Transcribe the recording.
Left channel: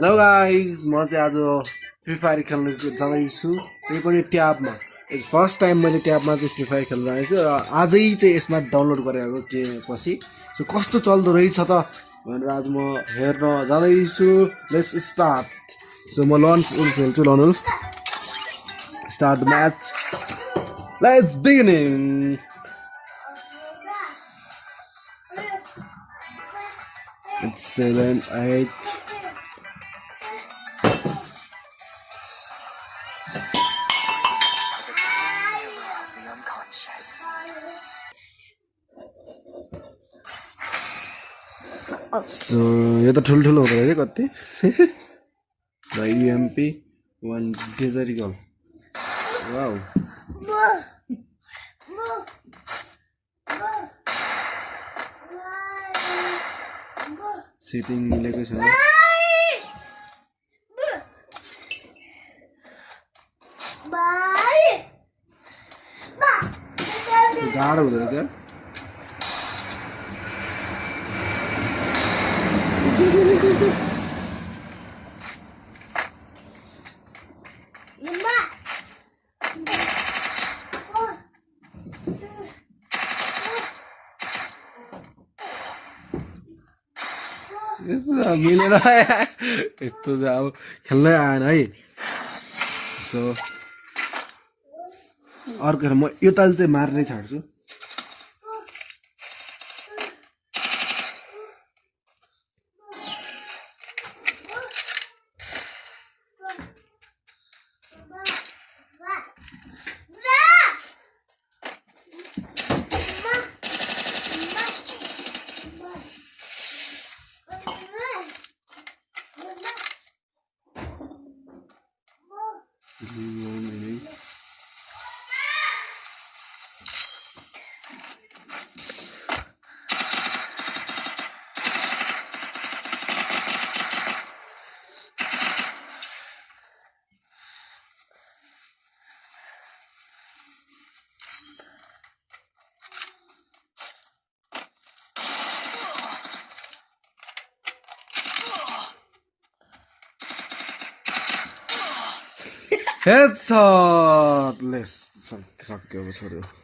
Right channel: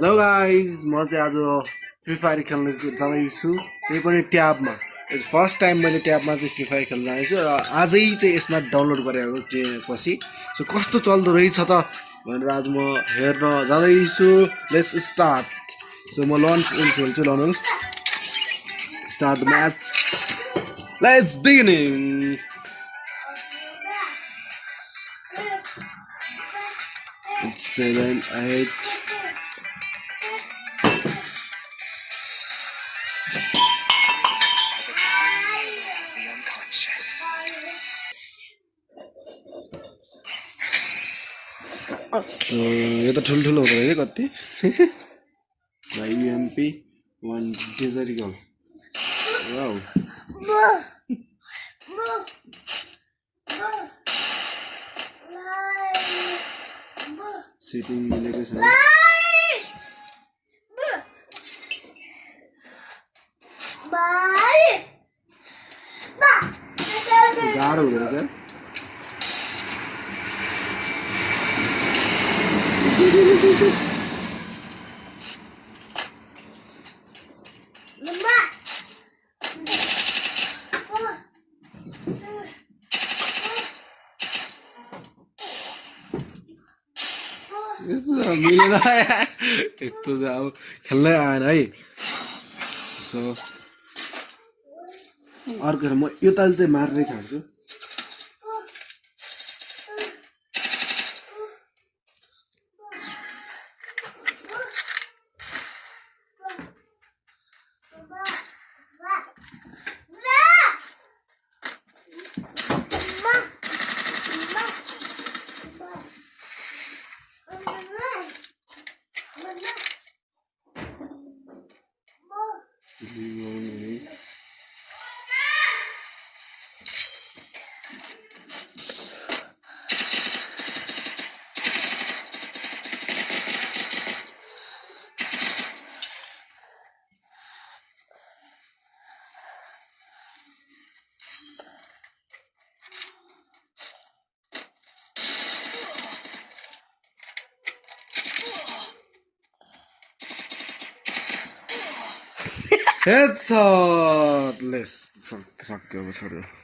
Hello guys म चाहिँ आज फ्री फायर खेल्न जाँदैछु त्यही पनि ट्याबमा फर्स्ट टाइम मैले ट्याबमा चाहिँ फ्री फायर खेल्न जाँदैछु र आजै चाहिँ यसमा डाउनलोड गरेको पछि सो कस्तो चल्दो रहेछ त भनेर आज म हेर्न जाँदैछु लेट्स स्टार्ट सो म लन्च खेल्छु lunch start match let's beginning 7 8 यो त ठुल्ठुलो हुँदो रहेछ कति युएमपी 1 डिजरिकल वाउ सिटिङ मिलेको छैन गाह्रो हुँदो रहेछ मिलेन यस्तो चाहिँ अब खेल्नै आएन है सो अर्को म यो ताल चाहिँ मार्नै छाड्छु Headshot! Let's सक्यो अब छोड्यो